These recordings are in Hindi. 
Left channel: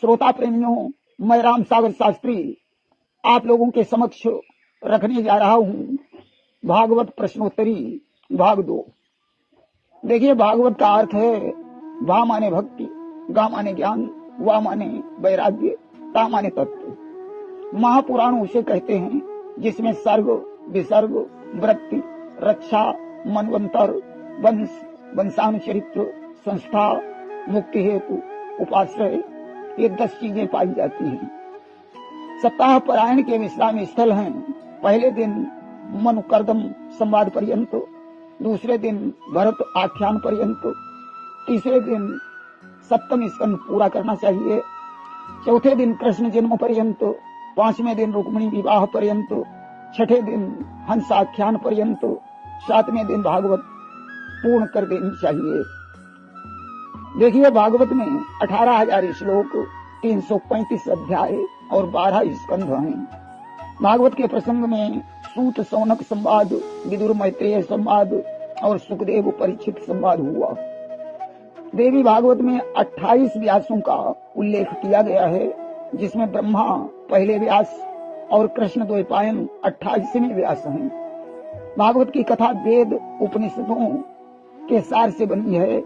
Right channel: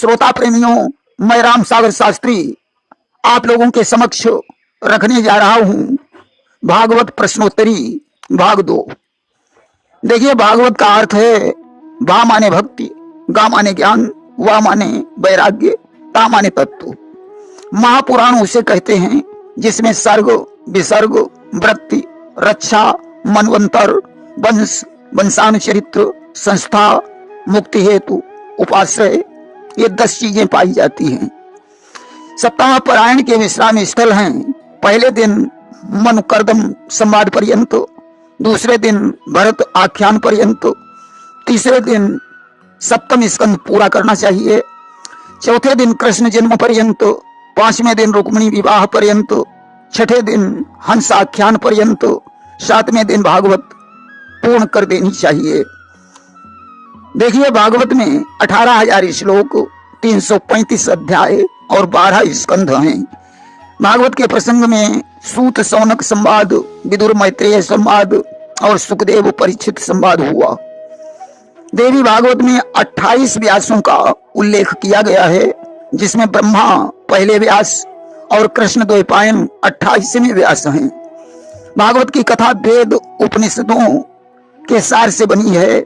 श्रोता प्रेमियों, मैं राम सागर शास्त्री आप लोगों के समक्ष रखने जा रहा हूं भागवत प्रश्नोत्तरी भाग 2। देखिए, भागवत का अर्थ है भा माने भक्ति, गा माने ज्ञान, वा माने वैराग्य, ता माने तत्व। महापुराण उसे कहते हैं जिसमें सर्ग, विसर्ग, वृत्ति, रक्षा, मनवंतर, वंश, वंशानुचरित्र, संस्था, मुक्ति हेतु, उपाश्रय, ये 10 चीजें पाई जाती हैं। सप्ताह पारायण के विश्राम स्थल हैं। पहले दिन मनुकर्दम संवाद पर्यंत, दूसरे दिन भरत आख्यान पर्यंत, तीसरे दिन सप्तम स्कंद पूरा करना चाहिए, चौथे दिन कृष्ण जन्म पर्यंत, पांचवें दिन रुक्मिणी विवाह पर्यंत, छठे दिन हंस आख्यान पर्यंत, सातवें दिन भागवत पूर्ण कर देनी चाहिए। देखिए, भागवत में 18,000 श्लोक, 335 अध्याय और 12 स्कंध हैं। भागवत के प्रसंग में सूत सौनक संवाद, विदुर मैत्रेय संवाद और सुखदेव परीक्षित संवाद हुआ। देवी भागवत में 28 व्यासों का उल्लेख किया गया है, जिसमें ब्रह्मा पहले व्यास और कृष्ण द्वैपायन 28वें व्यास हैं। भागवत की कथा वेद उपनिषदों के सार से बनी है।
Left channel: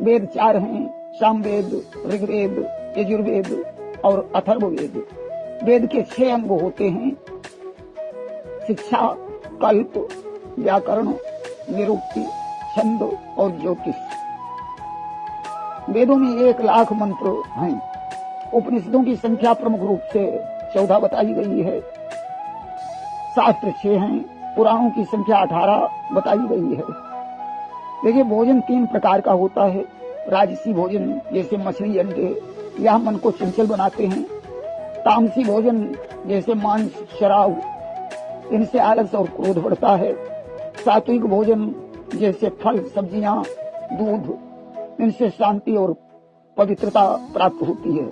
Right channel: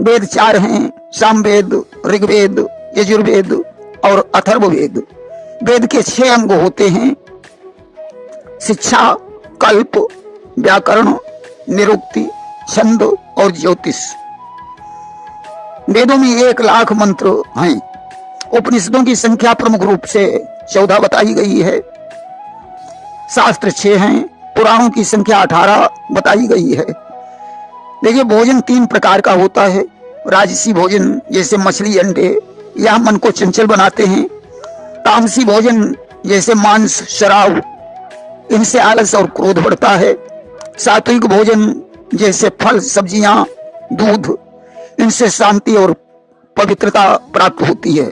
वेद 4 हैं, सामवेद, ऋग्वेद, यजुर्वेद और अथर्ववेद। वेद के 6 अंग होते हैं: शिक्षा, कल्प, व्याकरण, निरुक्ति, छंद और ज्योतिष। वेदों में 1 लाख मंत्र हैं। उपनिषदों की संख्या प्रमुख रूप से 14 बताई गई है। शास्त्र 6 हैं। पुराणों की संख्या 18 बताई गई है। देखिए, भोजन 3 प्रकार का होता है। राजसी भोजन जैसे मछली, अंडे, यह मन को चंचल बनाते हैं। तामसी भोजन जैसे मांस, शराब, इनसे आलस और क्रोध बढ़ता है। सात्विक भोजन जैसे फल, सब्जियां, दूध, इनसे शांति और पवित्रता प्राप्त होती है।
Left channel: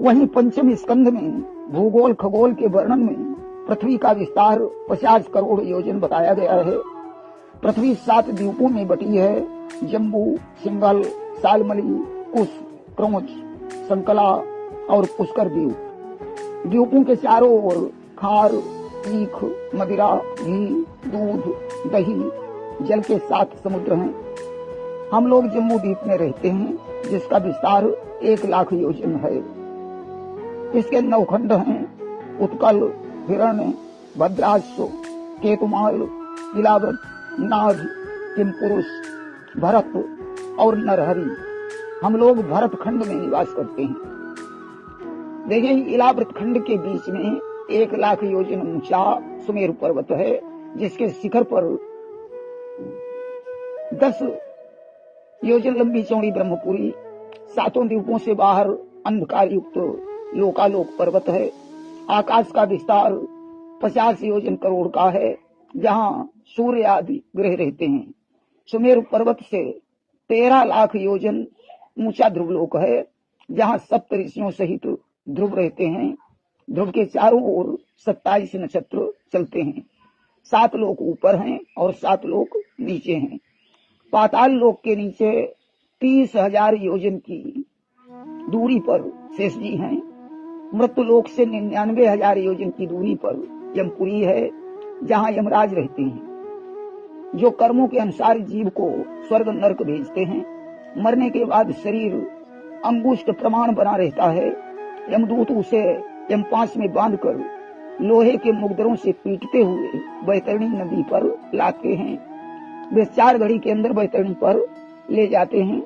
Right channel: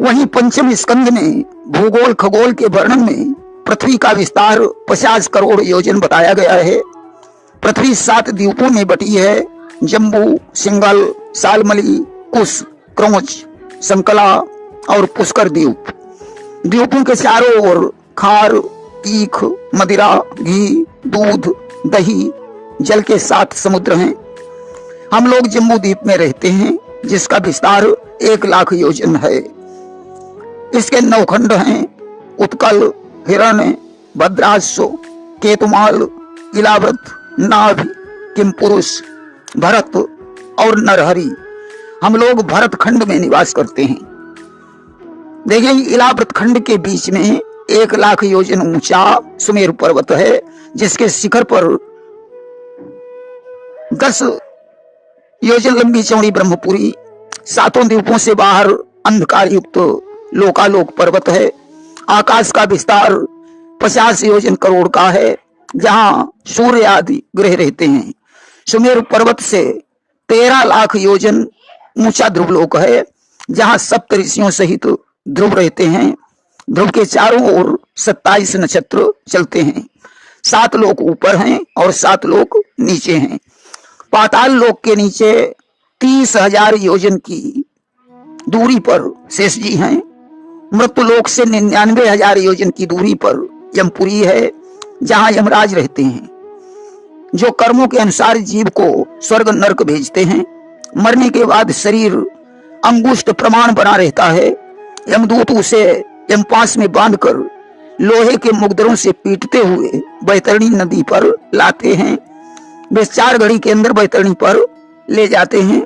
वहीं पंचम स्कंद में भूगोल खगोल के वर्णन में पृथ्वी का विस्तार 50 करोड़ योजन बताया गया है। पृथ्वी 7 द्वीपों में बटी है: जम्बू, सिंगल, सालमली, कुश, क्रौच, संकला और पुष्कर द्वीप। द्वीपों के चारों ओर खार, तीख, मदिरा, घी, दूध, दही, जल के 7 समुद्र हैं। हम लोग जम्बू द्वीप में रहते हैं, जिसका विस्तार 1 लाख योजन है। इसके 9 खंड हैं: उत्कल, हिरण्य, भद्राश्व, केतुमाल, इलाव्रत, नाभ, किमपुरुष, भरत और नरहरि। हम लोग भरत खंड में निवास करते हैं। देखिए, इलाव्रत खंड के बीच में 1 लाख योजन ऊंचा सुमेरु पर्वत है, जिसके शिखर पर 10 योजन लंबी चौड़ी ब्रह्मपुरी, 7 द्वीपों से बाहर अंधकार युक्त लोकालोक पर्वत है। आकाश का विस्तार 50 योजन करोड़ का है, जहां सूर्य आदि ग्रह रहते हैं। सुमेरु पर्वत से 13 लाख योजन ऊंचा ध्रुवलोक है, जहां सप्त ऋषियों सहित ध्रुव रहते हैं। ध्रुव के चारों ओर 27 नक्षत्र चलते हैं। 7 लोक ऊपर हैं और 7 लोक नीचे हैं। पाताल लोक के नीचे 30,000 योजन की दूरी पर शेष जी हैं। मृत्यु लोक से 99,000 योजन की दूरी पर यमपुरी है, जहां यमराज रहते हैं, जो कर्मों के अनुसार जीव को स्वर्ग नरक भेजते हैं। मरने के बाद शरीर अंगुष्ठ प्रमाण बना रहता है। यमदूत उसे यमपास में बांधकर लोहे के मुगदरों से पीटते हुए बैतरणी नदी पर लाते हैं। वे 4 घड़ी के अंदर बैतरणी पर ले जाते हैं।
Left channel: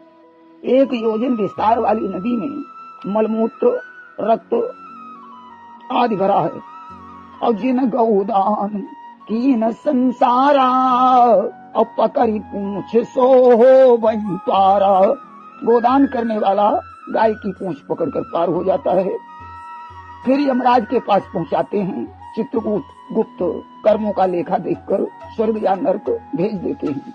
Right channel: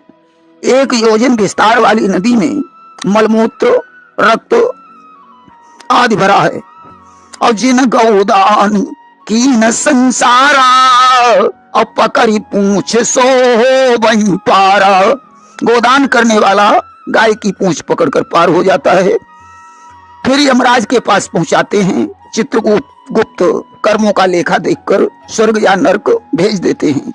1 योजन विस्तार वाली नदी में मलमूत्र, रक्त आदि भरा है। और जिन गौदान की न संसारा, अब पकड़ी पूछ सो हो वहीं पारा। गोदान करने वाला गाय की पूंछ पकड़कर पार हो जाता है। फिर यमराज के पास पहुंचाते हैं। चित्रगुप्त कर्मों का लेखा देखकर स्वर्ग या नरक भेज देते हैं।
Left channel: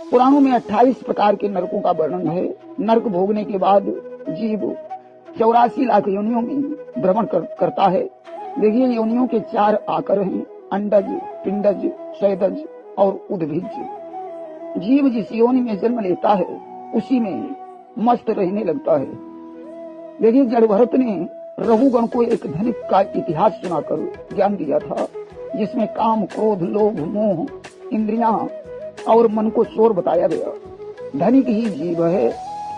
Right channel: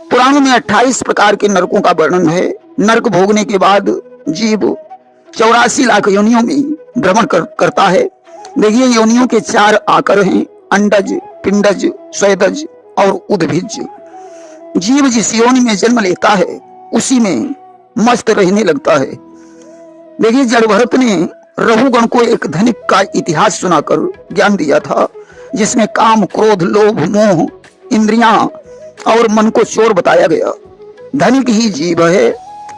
पुराणों में 28 प्रकार के नरकों का वर्णन है। नरक भोगने के बाद जीव 84 लाख योनियों में भ्रमण करता है। देखिए, योनियों के 4 आकर हैं: अंडज, पिंडज, स्वेदज और उद्भिज। जीव जिस योनि में जन्म लेता है, उसी में मस्त रहने लगता है। देखिए, जड़भरत ने रघुगण को एक धनिक का इतिहास सुनाकर ज्ञान दिया था, जिसमें काम, क्रोध, लोभ, मोह, इंद्रियां और मन को चोर बताया गया। धनिक ही जीव है।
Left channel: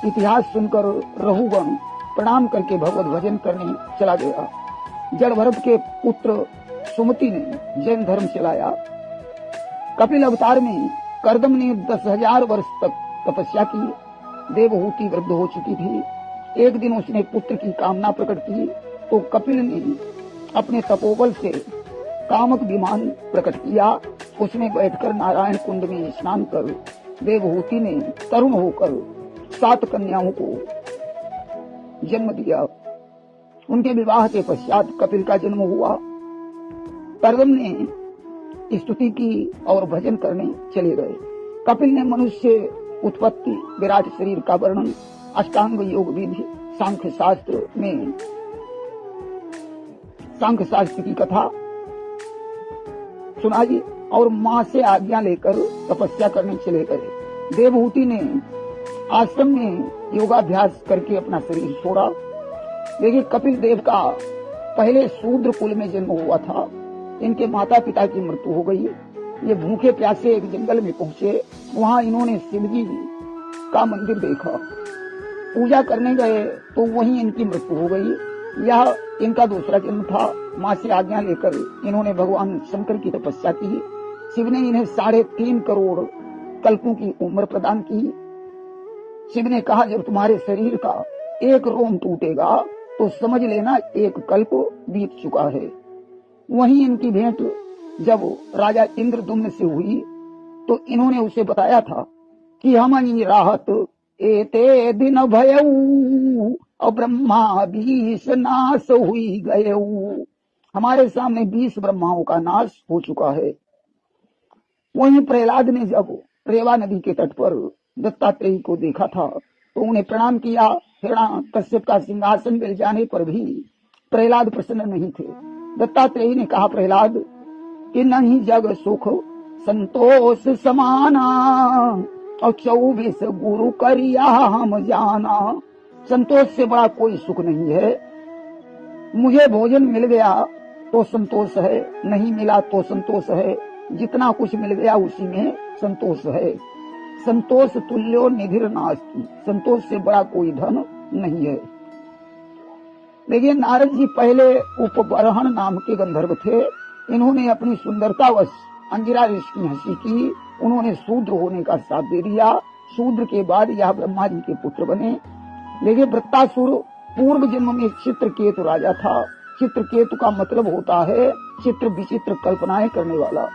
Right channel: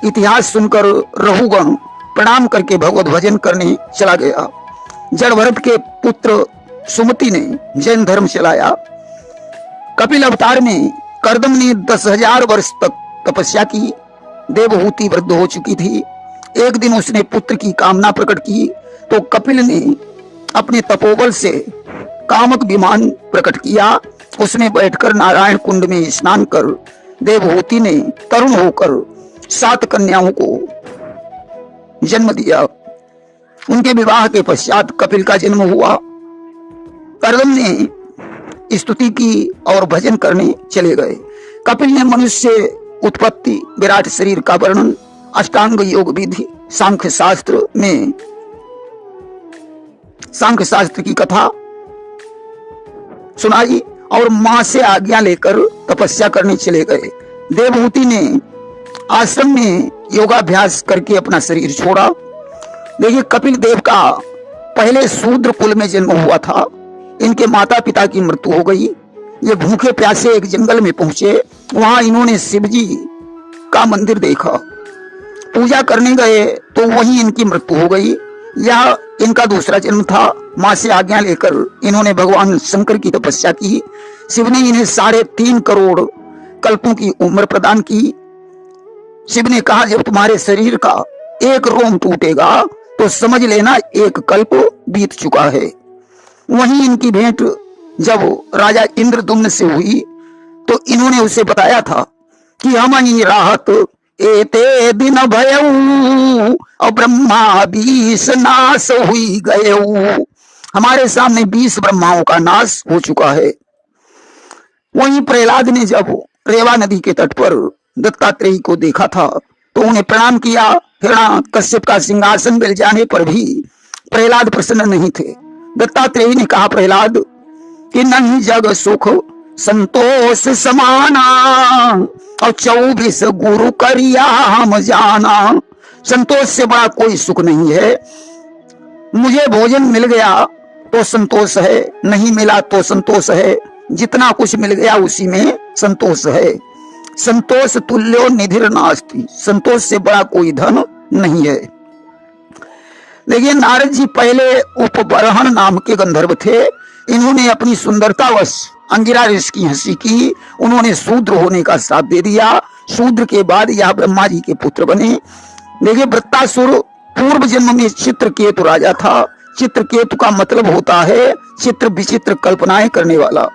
इतिहास सुनकर रघुगण प्रणाम करके भगवत भजन करने चला गया। जड़भरत के पुत्र सुमति ने जैन धर्म चलाया। कपिल अवतार में कर्दम ने 10,000 वर्ष तक तपस्या की। देवहूति वृद्ध हो चुकी थी। एक दिन उसने पुत्र की कामना प्रकट की तो कपिल ने अपने तपोबल से कामक विमान प्रकट किया। उसमें बैठकर नारायण कुंड में स्नान कर देवहूति ने तरुण होकर 7 कन्याओं को जन्म दिया। उनके विवाह के पश्चात कपिल का जन्म हुआ। कर्दम ने स्तुति की और भजन करने चले गए। कपिल ने मनुष्य उत्पत्ति, विराट शरीर का वर्णन, अष्टांग योग विधि, सांख्य शास्त्र में सांख्य शास्त्र की कथा सुनाई और मां से आज्ञा लेकर तपस्या करने चले गए। देवहूति ने आश्रम में योगाभ्यास करके अपना शरीर छोड़ा। देखिए, कपिल देव का पहले शूद्र कुल में जन्म हुआ था। इनके माता पिता की मृत्यु हो गई। ये भूखे प्यासे एक जंगल में पहुंचे। वहां इन्होंने शिवजी का मंदिर देखा। पूजा करने गए तो वहीं इनकी मृत्यु हो गई। यह इनका दूसरा जन्म था। मां से आज्ञा लेकर इन्होंने भगवान शंकर की तपस्या की। शिव ने इन्हें 3.5 करोड़ कल्पों की उम्र प्रदान की। शिव ने कहा, जब तुम्हारे शरीर का एक रोम टूटेगा तो समझ लेना एक कल्प बीत चुका है। वहीं इनकी भेंट जब राजा इंद्रदुम्न से हुई तो इन्होंने उसे बताया था कि हम ही राहत एते दिन भयऊ और ब्रह्मा 20 नाश हुई गए। हमारे सामने 20 ब्रह्माओं का नाश हो चुका है। वहीं प्रहलाद ने जब रेवा नदी के तट पर दत्तात्रेय को देखा था तो उन्हें प्रणाम किया। हिरण्यकश्यप का सिंहासन मिल जाने पर भी प्रहलाद प्रसन्न नहीं थे। दत्तात्रेय ने कहा, प्रहलाद कि नहीं जग सुख संतोष समाना और 24 गुरु करिया हम जाना। संतोष से बड़ा कोई सुख नहीं है। मुझे भोजन मिल गया तो संतोष है, नहीं मिला तो संतोष है। जितना कुछ मिल गया उसी में संतोष है। संतोष तुल्यो निधिर नास्ति। संतोष से बड़ा कोई धन नहीं है। देखिए, नारद जी पहले उपबरहण नाम के गंधर्व थे। इन्होंने अपनी सुंदरतावश अंगिरा ऋषि की हंसी की। उन्होंने शूद्र होने का श्राप दे दिया। शूद्र के बाद यह ब्रह्मा जी के पुत्र बने। देखिए, वृत्तासुर पूर्व जन्म में चित्रकेतु राजा था। चित्रकेतु का मतलब होता है चित्र विचित्र कल्पनाएं करने वाला।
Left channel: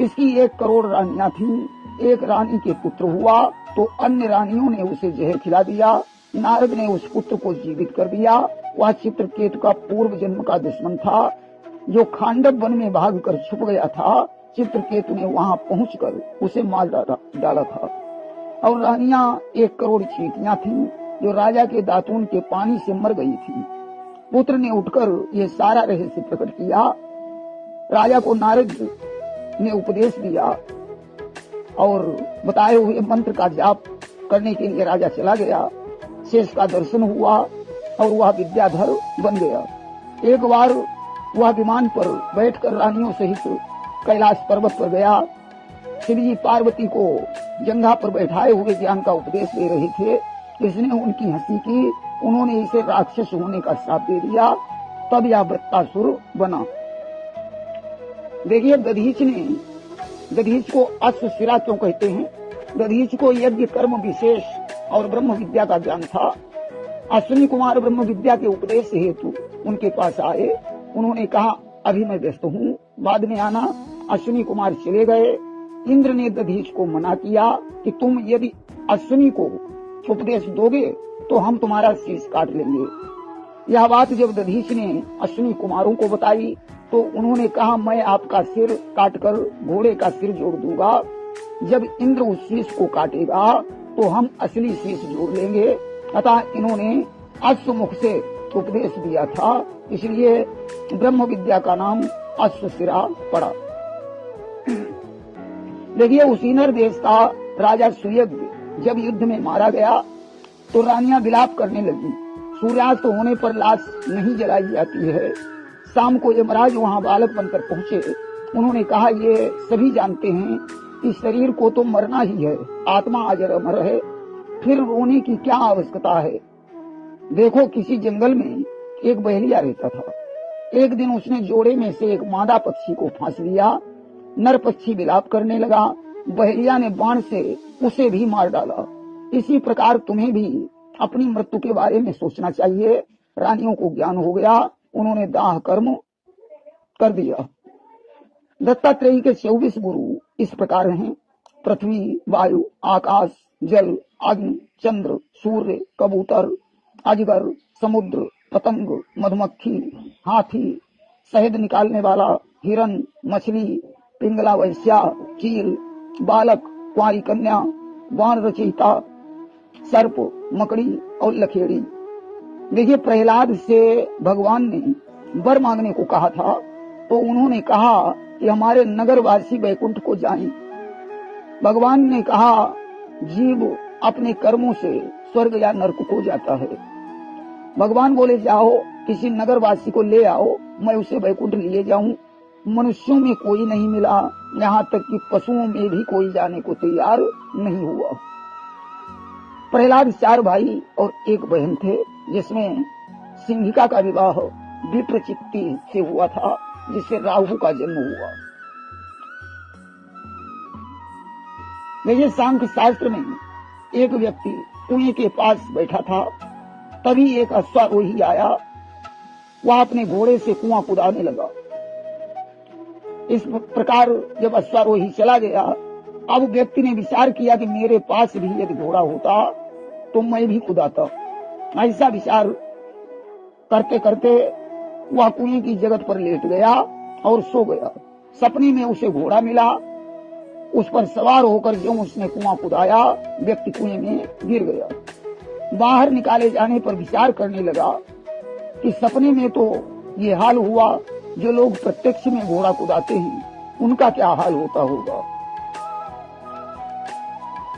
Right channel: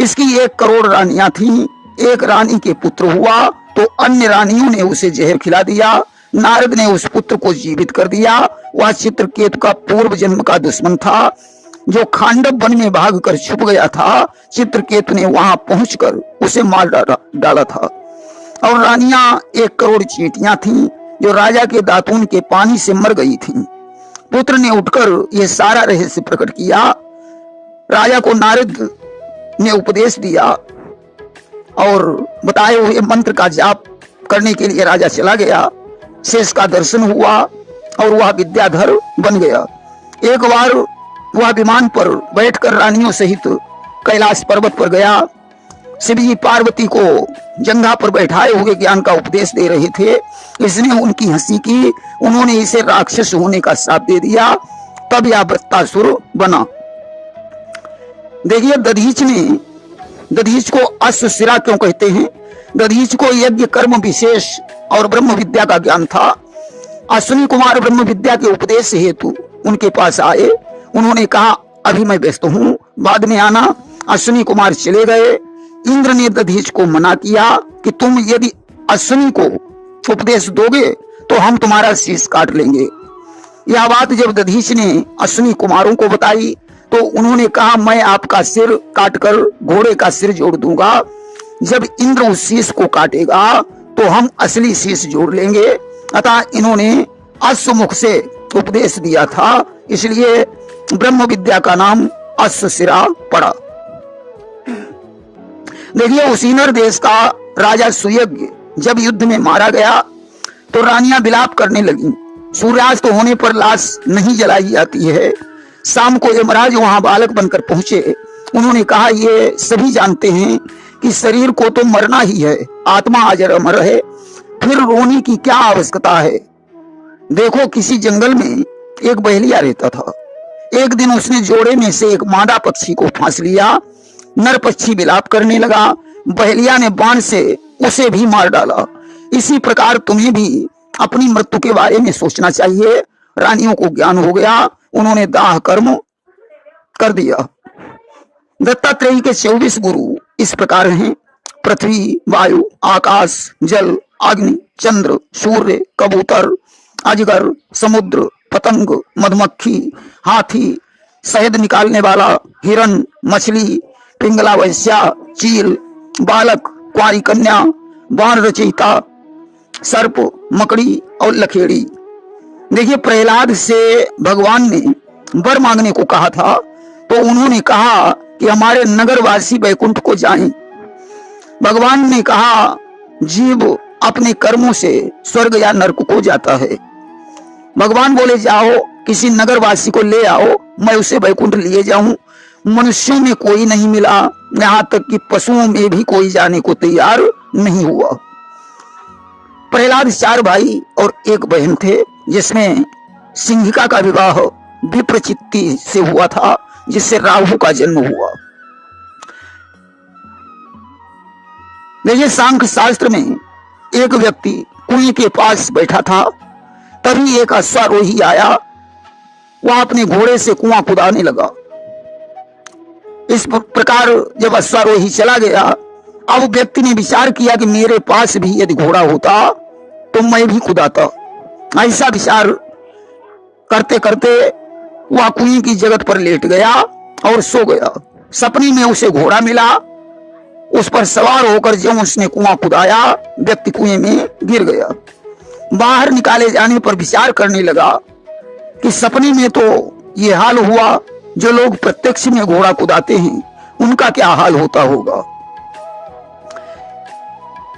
इसकी 1 करोड़ रानियां थीं। एक रानी के पुत्र हुआ तो अन्य रानियों ने उसे जहर खिला दिया। नारद ने उस पुत्र को जीवित कर दिया। वह चित्रकेतु का पूर्व जन्म का दुश्मन था जो खांडव वन में भागकर छुप गया था। चित्रकेतु ने वहां पहुंचकर उसे मार डाला था। और रानियां 1 करोड़ चींटियां थीं जो राजा के दातून के पानी से मर गई थीं। पुत्र ने उठकर यह सारा रहस्य प्रकट किया। राजा को नारद ने उपदेश दिया और बताए हुए मंत्र का जाप करने के लिए राजा चला गया। शेष का दर्शन हुआ और वह विद्याधर बन गया। एक बार वह विमान पर बैठकर रानियों सहित कैलाश पर्वत पर गया। शिवजी पार्वती को जंघा पर बैठाए हुए ज्ञान का उपदेश दे रहे थे। इसने उनकी हंसी की। उन्होंने इसे राक्षस होने का श्राप दे दिया। तब यह वृत्तासुर बना। देखिए, दधीच को अश्वशिरा क्यों कहते हैं? दधीच को यज्ञ कर्म विशेष और ब्रह्म विद्या का ज्ञान था। अश्विनी कुमार ब्रह्म विद्या के उपदेश हेतु उनके पास आए। उन्होंने कहा, अभी मैं व्यस्त हूँ, बाद में आना। अश्विनी कुमार चले गए। इंद्र ने दधीच को मना किया कि तुम यदि अश्विनी को उपदेश दोगे तो हम तुम्हारा शीश काट लेंगे। यह बात जब दधीच ने अश्विनी कुमारों को बताई तो उन्होंने कहा, मैं आपका सिर काटकर घोड़े का सिर जोड़ दूंगा। जब इंद्र उस शीश को काटेगा तो हम असली शीश जोड़ लेंगे। अतः इन्होंने अश्वमुख से उपदेश दिया था, इसलिए ब्रह्म विद्या का नाम अश्वशिरा पड़ा। देखिए, उसीनर देश का राजा सुयज्ञ जब युद्ध में मारा गया तो रानियां विलाप करने लगी। सूर्यास्त होने पर लाश नहीं जलाई जाती है। शाम को यमराज वहां बालक बनकर पहुंचे। उन्होंने कहा, ये सभी जानते हैं कि शरीर को तो मरना ही है, आत्मा अजर अमर है, फिर रोने की क्या आवश्यकता है। देखो, किसी जंगल में एक बहेलिया रहता था। एक दिन उसने जोड़े में से एक मादा पक्षी को फांस लिया। नर पक्षी विलाप करने लगा। बहेलिया ने बाण से उसे भी मार डाला। इसी प्रकार तुम्हें भी अपनी मृत्यु के बारे में सोचना चाहिए। रानियों को ज्ञान हो गया, उन्होंने दाह कर्म कर दिया। दत्तात्रेय के 24 गुरु इस प्रकार हैं: पृथ्वी, वायु, आकाश, जल, अग्नि, चंद्र, सूर्य, कबूतर, अजगर, समुद्र, पतंग, मधुमक्खी, हाथी, शहद निकालने वाला, हिरण, मछली, पिंगला वैश्या, चील, बालक, कुंवारी कन्या, बाण रचयिता, सर्प, मकड़ी और लखेड़ी। देखिए, प्रहलाद से भगवान ने वर मांगने को कहा था, तो उन्होंने कहा कि हमारे नगरवासी वैकुंठ को जाएं। भगवान ने कहा, जीव अपने कर्मों से स्वर्ग या नरक को जाता है। भगवान बोले, जाओ किसी नगरवासी को ले आओ, मैं उसे वैकुंठ लिए जाऊं। मनुष्यों में कोई नहीं मिला, यहां तक कि पशुओं में भी कोई जाने को तैयार नहीं हुआ। प्रहलाद 4 भाई और 1 बहन थे, जिसमें सिंहिका का विवाह विप्रचित्ति से हुआ था, जिससे राहु का जन्म हुआ। देखिए, सांख्य शास्त्र में एक व्यक्ति कुएं के पास बैठा था। तभी एक अश्वारोही आया। वह अपने घोड़े से कुआं खुदाने लगा। इस प्रकार जब अश्वारोही चला गया, अब व्यक्ति ने विचार किया कि मेरे पास भी यदि घोड़ा होता तो मैं भी खुदाता। ऐसा विचार करते करते वह कुएं की जगत पर लेट गया और सो गया। सपने में उसे घोड़ा मिला। उस पर सवार होकर जब उसने कुआं खुदाया, व्यक्ति कुएं में गिर गया। बाहर निकाले जाने पर विचार करने लगा कि सपने में तो ये हाल हुआ, जो लोग प्रत्यक्ष में घोड़ा कुदाते हैं उनका क्या हाल होता होगा।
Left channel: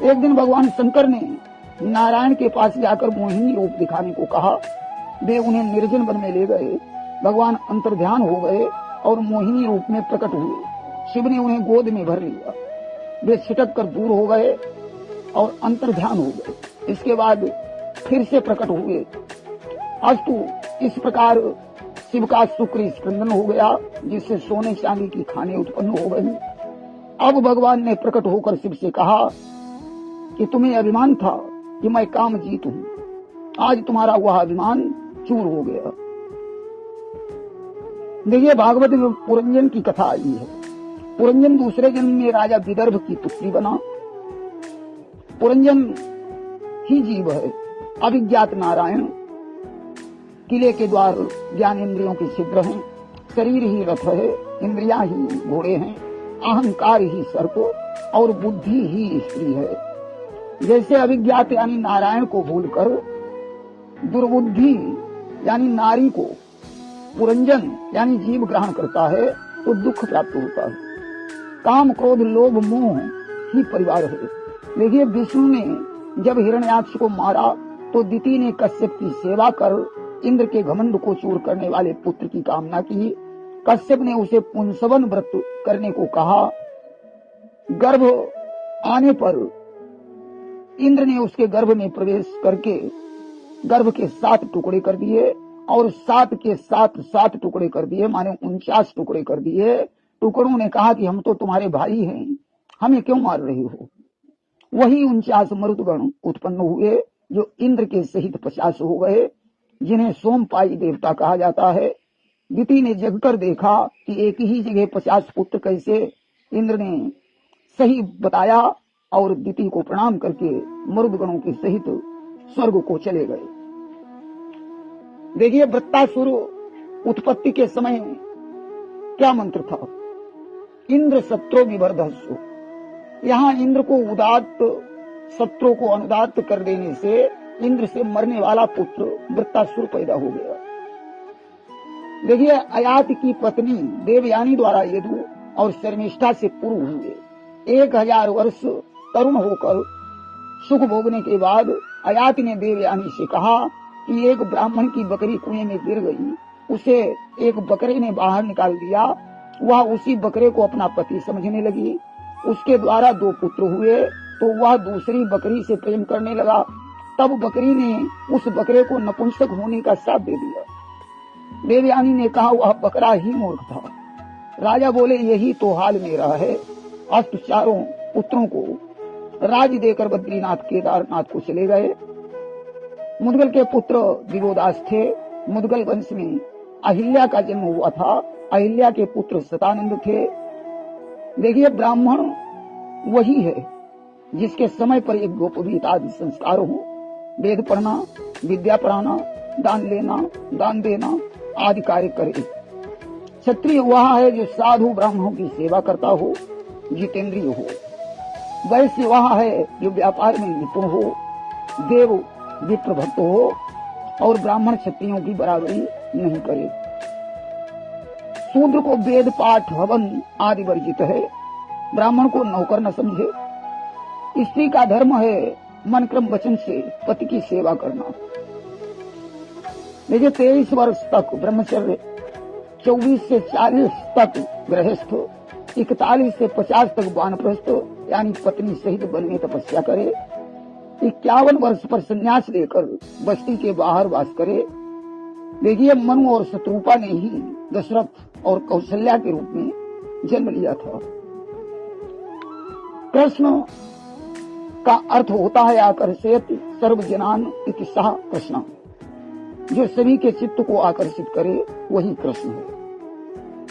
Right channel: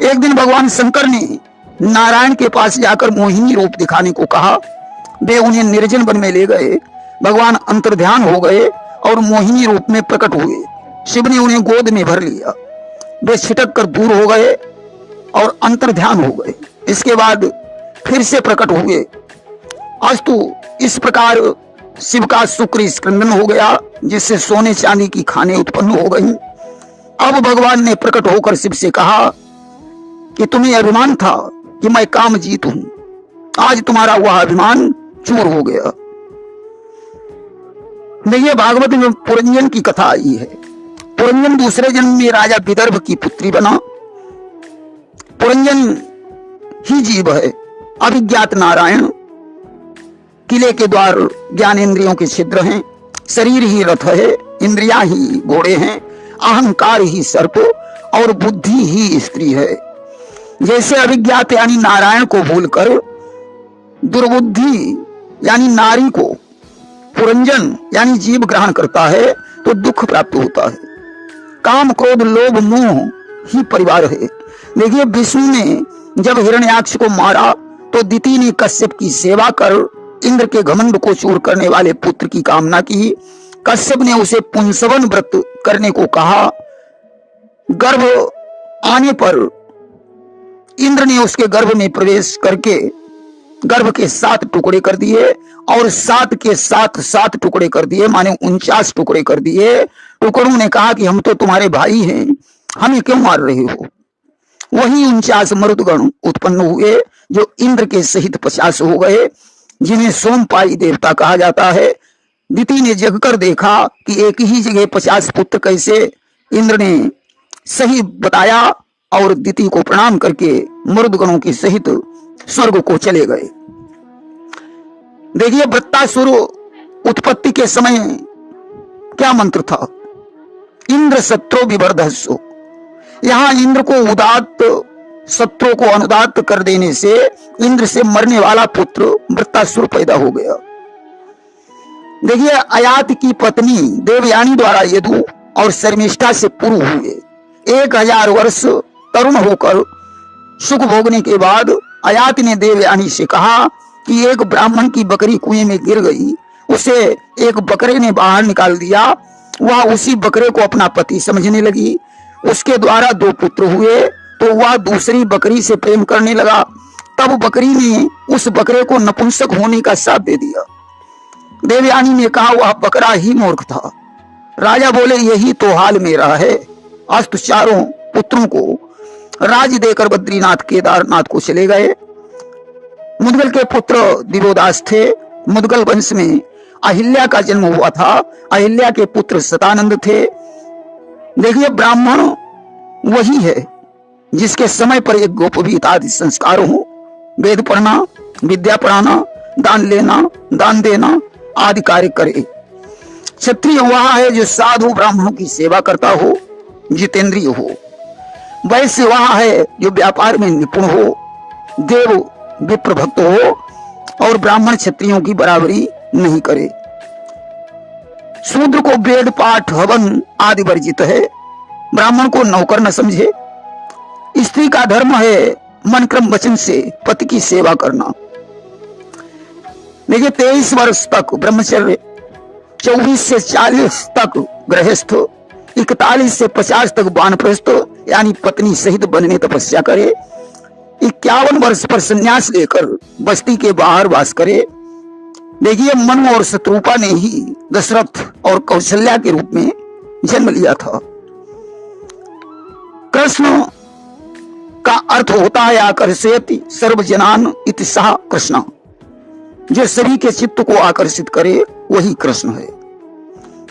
एक दिन भगवान शंकर ने नारायण के पास जाकर मोहिनी रूप दिखाने को कहा। वे उन्हें निर्जन वन में ले गए। भगवान अंतर्ध्यान हो गए और मोहिनी रूप में प्रकट हुए। शिव ने उन्हें गोद में भर लिया। वे छिटक कर दूर हो गए और अंतर्ध्यान हो गए। इसके बाद फिर से प्रकट हुए। अस्तु, इस प्रकार शिव का शुक्र स्कंदन हो गया, जिससे सोने चांदी की खाने उत्पन्न हो गई। अब भगवान ने प्रकट होकर शिव से कहा कि तुम्हें अभिमान था कि मैं काम जीत हूं, आज तुम्हारा वह अभिमान चूर हो गया। देखिए, भागवत में पुरंजन की कथा आई है। पुरंजन दूसरे जन्म में राजा विदर्भ की पुत्री बना। पुरंजन ही जीव है, अभिज्ञात नारायण। किले के द्वार ज्ञानेंद्रियों के छिद्र हैं, शरीर ही रथ है, इंद्रियां ही घोड़े हैं, अहंकार ही सर्प और बुद्धि ही स्त्री है। जैसे अभिज्ञात यानी नारायण को भूलकर दुर्बुद्धि यानी नारी को पुरंजन यानी जीव ग्रहण करता है तो दुख प्राप्त होता है। काम, क्रोध, लोभ, मोह ही परिवार है। देखिए, विष्णु ने जब हिरण्याक्ष को मारा तो दिति ने कश्यप की सेवा कर इंद्र के घमंड को चूर करने वाले पुत्र की कामना की। कश्यप ने उसे पुंसवन व्रत करने को कहा। गर्भ आने पर इंद्र ने उसके गर्भ में प्रवेश करके गर्भ के 7 टुकड़े कर दिए और 7 के 7 टुकड़े कर दिए, माने 49 टुकड़े कर दिए। टुकड़ों ने कहा कि हम तो तुम्हारे भाई हैं, हमें क्यों मार रहे हो। वही 49 मरुदगण उत्पन्न हुए, जो इंद्र के सहित 50 हो गए, जिन्हें सोमपाई देवता कहा जाता है। दिति ने जगकर देखा कि एक ही जगह 50 पुत्र कैसे। इंद्र ने सही बताया और दिति को प्रणाम करके मरुदगणों के सहित स्वर्ग को चले गए। देखिए, वृत्तासुर उत्पत्ति के समय क्या मंत्र था? इंद्र शत्रु विवर्धस्सु। यहां इंद्र को उदात्त, शत्रु को अनुदात्त कर देने से इंद्र से मरने वाला पुत्र वृत्तासुर पैदा हो गया। देखिए, अयात की पत्नी देवयानी द्वारा यदु और शर्मिष्ठा से पूर्व हुए 1000 वर्ष तरुण होकर सुख भोगने के बाद अयात ने देवयानी से कहा कि एक ब्राह्मण की बकरी कुएं में गिर गई, उसे एक बकरे ने बाहर निकाल दिया। वह उसी बकरे को अपना पति समझने लगी। उसके द्वारा 2 पुत्र हुए तो वह दूसरी बकरी से प्रेम करने लगा। तब बकरी ने उस बकरे को नपुंसक होने का श्राप दे दिया। देवयानी ने कहा वह बकरा ही मूर्ख था। राजा बोले यही तो हाल मेरा है। अस्त चारों पुत्रों को राज देकर बद्रीनाथ केदारनाथ को चले गए। मुदगल के पुत्र दिवोदास थे। मुदगल वंश में अहिल्या का जन्म हुआ था। अहिल्या के पुत्र सतानंद थे। देखिए, ब्राह्मण वही है जिसके समय पर एक गोपवीत आदि संस्कार हो, वेद पढ़ना, विद्या पढ़ाना, दान लेना, दान देना आदि कार्य करे। क्षत्रिय वह है जो साधु ब्राह्मणों की सेवा करता हो, जितेंद्रिय हो। वैश्य वह है जो व्यापार में निपुण हो, देव विप्र भक्त हो और ब्राह्मण क्षत्रियों की बराबरी नहीं करे। शूद्र को वेद पाठ हवन आदि वर्जित है। ब्राह्मण को नौकर न समझे। स्त्री का धर्म है मन क्रम वचन से पति की सेवा करना। देखिए, 23 वर्ष तक ब्रह्मचर्य, 24 से 40 तक गृहस्थ, 41 से 50 तक वानप्रस्थ यानी पत्नी सहित वन में तपस्या करे, 51 वर्ष पर संन्यास लेकर बस्ती के बाहर वास करे। देखिए, मनु और शत्रुपा ने ही दशरथ और कौशल्या के रूप में जन्म लिया था। कृष्ण का अर्थ होता है आकर्षयति सर्वजनान इति सः कृष्ण। जो सभी के चित्त को आकर्षित करे वही कृष्ण है।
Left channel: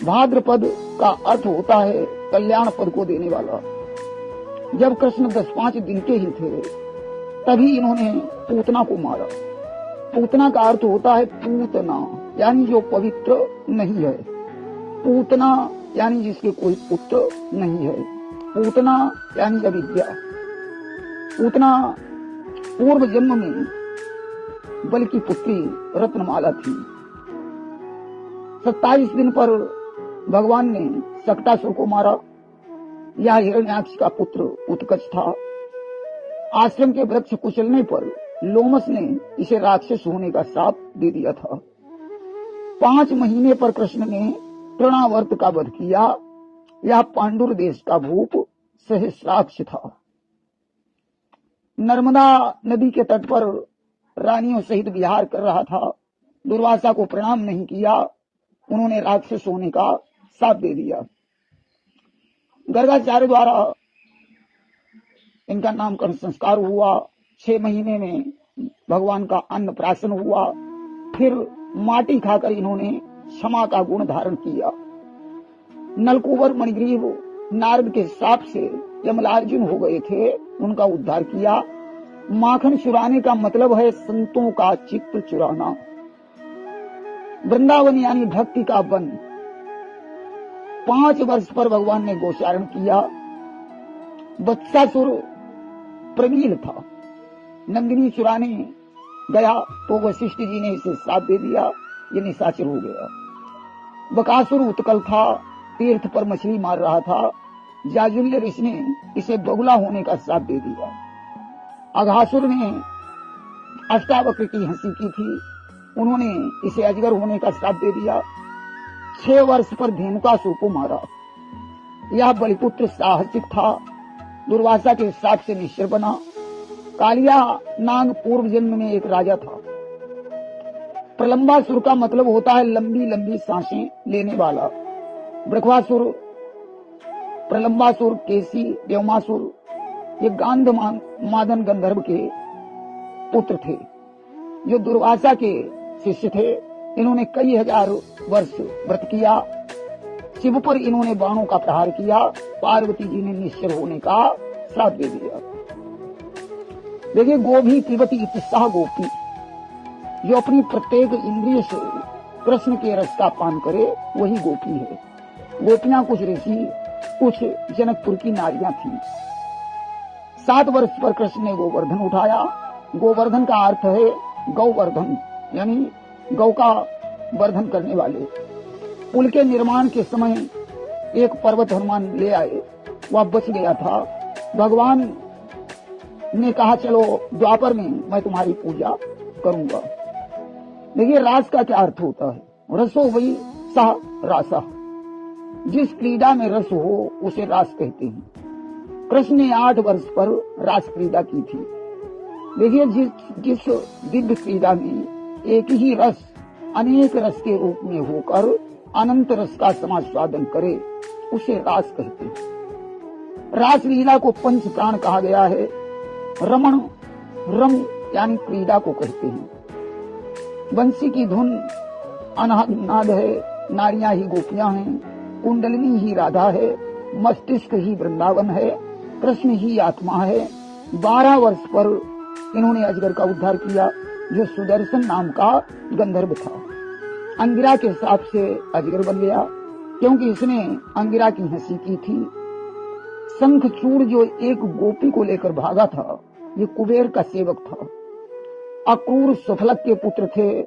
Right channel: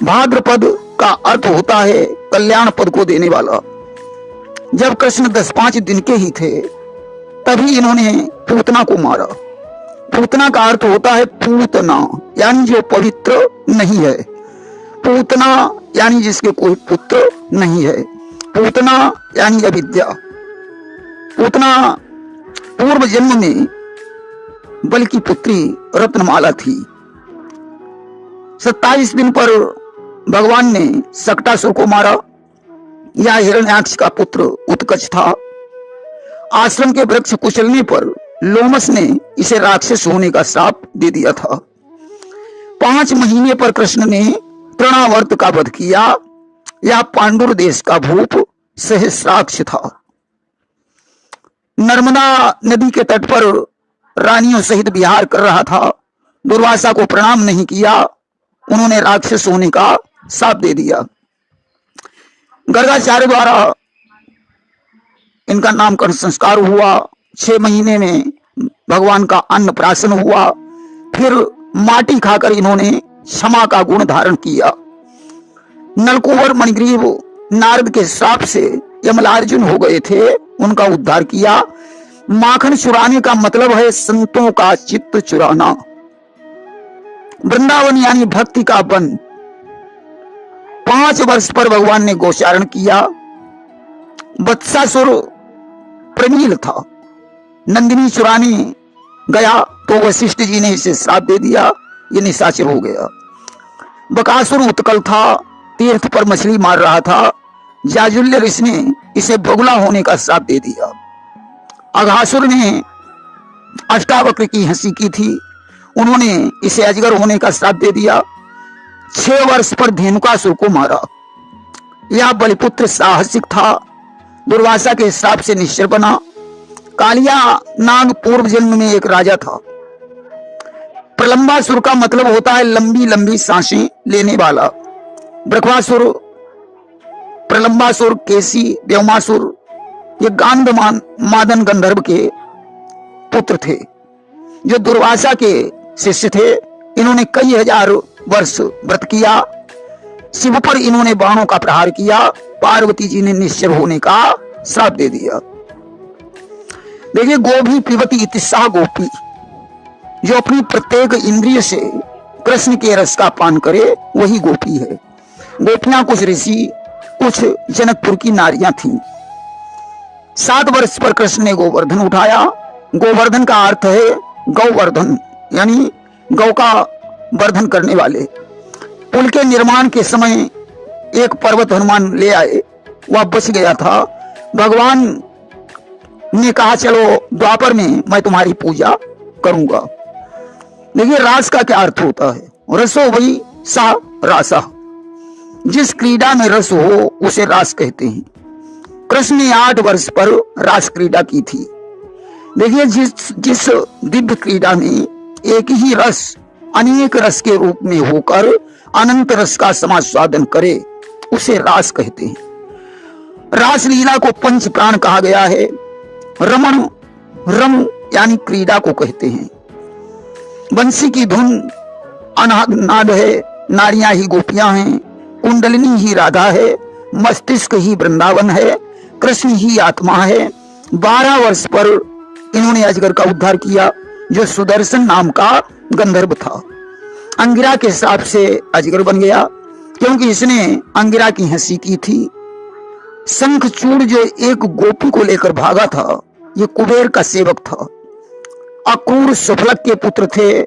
भाद्रपद का अर्थ होता है कल्याण पद को देने वाला। जब कृष्ण 10-5 दिन के ही थे तभी इन्होंने पूतना को मारा। पूतना का अर्थ होता है पूतना यानी जो पवित्र नहीं है। पूतना यानी जिसके कोई पुत्र नहीं है। पूतना यानी अविद्या। पूतना पूर्व जन्म में बल की पुत्री रत्नमाला थी। 27 दिन पर भगवान ने सक्टासुर को मारा। यह हिरण्याक्ष का पुत्र उत्कच था। आश्रम के वृक्ष कुचलने पर लोमस ने इसे राक्षस होने का श्राप दे दिया था। 5 महीने पर कृष्ण ने तृणावर्त का वध किया। यह पांडुर देश का भूप सहस्राक्ष था। नर्मदा नदी के तट पर रानियों सहित विहार कर रहा था। दुर्वासा को प्रणाम नहीं किया। उन्होंने राक्षस होने का श्राप दे दिया। गर्गाचार्य द्वारा इनका नामकरण संस्कार हुआ। 6 महीने में भगवान का अन्न प्राशन हुआ। फिर माटी खाकर इन्होंने क्षमा का गुण धारण किया। नलकुबर मणिग्रीव नारद के श्राप से यमलार्जुन हो गए थे, उनका उद्धार किया। माखन चुराने का मतलब है संतों का चित्त चुराना। वृंदावन यानी भक्ति का वन। 5 वर्ष पर भगवान ने गोचारण किया। वत्सासुर प्रमील था। नंदिनी चुराने गया तो वशिष्ठ जी ने इसे श्राप दे दिया, ये निशाचर हो गया। बकासुर उत्कल था, तीर्थ पर मछली मार रहा था। जाजुल्य ऋषि ने इसे बगुला होने का श्राप दे दिया। अघासुर ने अष्टावक्र की हंसी की थी, उन्होंने इसे अजगर होने का श्राप दे दिया। 6 वर्ष पर धेनुकासुर को मारा। यह बलिपुत्र साहसिक था, दुर्वासा के श्राप से निश्चर बना। कालिया नाग पूर्व जन्म में एक राजा था। प्रलंबासुर का मतलब होता है लंबी लंबी सांसें लेने वाला। ब्रह्मासुर, प्रलंबासुर, केसी, व्योमासुर ये गांधमान मादन गंधर्व के पुत्र थे जो दुर्वासा के शिष्य थे। इन्होंने कई हजार वर्ष व्रत किया। शिव पर इन्होंने बाणों का प्रहार किया। पार्वती जी ने निश्चर होने का श्राप दे दिया। देखिए, गोभी पिबती इति सः गोपी, जो अपनी प्रत्येक इंद्रिय से कृष्ण के रस का पान करे वही गोपी है। गोपियां कुछ ऋषि, कुछ जनकपुर की नारियां थीं। 7 वर्ष पर कृष्ण ने गोवर्धन उठाया। गोवर्धन का अर्थ है गौवर्धन यानी गौ का वर्धन करने वाले। पुल के निर्माण के समय एक पर्वत हनुमान ले आए, वह बच गया था। भगवान ने कहा चलो द्वापर में मैं तुम्हारी पूजा करूंगा। देखिए रास का क्या अर्थ होता है? रसो वही सा रासा, जिस क्रीड़ा में रस हो उसे रास कहते हैं। कृष्ण ने 8 वर्ष पर रास क्रीड़ा की थी। देखिए जिस दिव्य क्रीड़ा में एक ही रस अनेक रस के रूप में होकर अनंत रस का समास्वादन करे उसे रास कहते हैं। रास लीला को पंच प्राण कहा गया है। रमण, रम यानी क्रीड़ा को कहते हैं। बंसी की धुन अनाद है, नारियां ही गोपियां हैं, कुंडलिनी ही राधा है, मस्तिष्क ही वृंदावन है, कृष्ण ही आत्मा है। 12 वर्ष पर इन्होंने अजगर का उद्धार किया जो सुदर्शन नाम का गंधर्व था। अंगिरा के हिसाब से अजगर बन गया क्योंकि इसने अंगिरा की हंसी की थी। शंखचूड़ जो एक गोपी को लेकर भागा था, ये कुबेर का सेवक था। अक्रूर सफलक के पुत्र थे।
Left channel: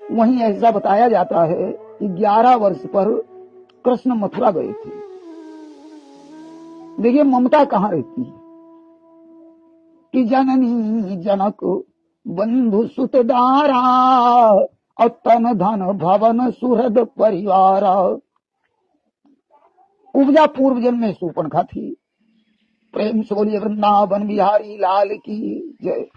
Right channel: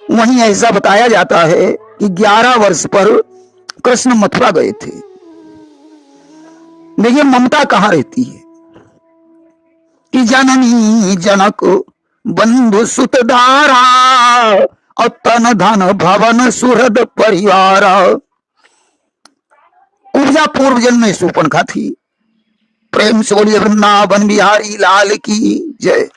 वहीं ऐसा बताया जाता है कि 11 वर्ष पर कृष्ण मथुरा गए थे। देखिए ममता कहां रहती है कि जननी जनक बंधु सुत दारा और तन धन भवन सुहृद परिवार। उपजा पूर्व जन्म में शूर्पणखा थी। प्रेम से बोलिए वृंदावन बिहारी लाल की जय।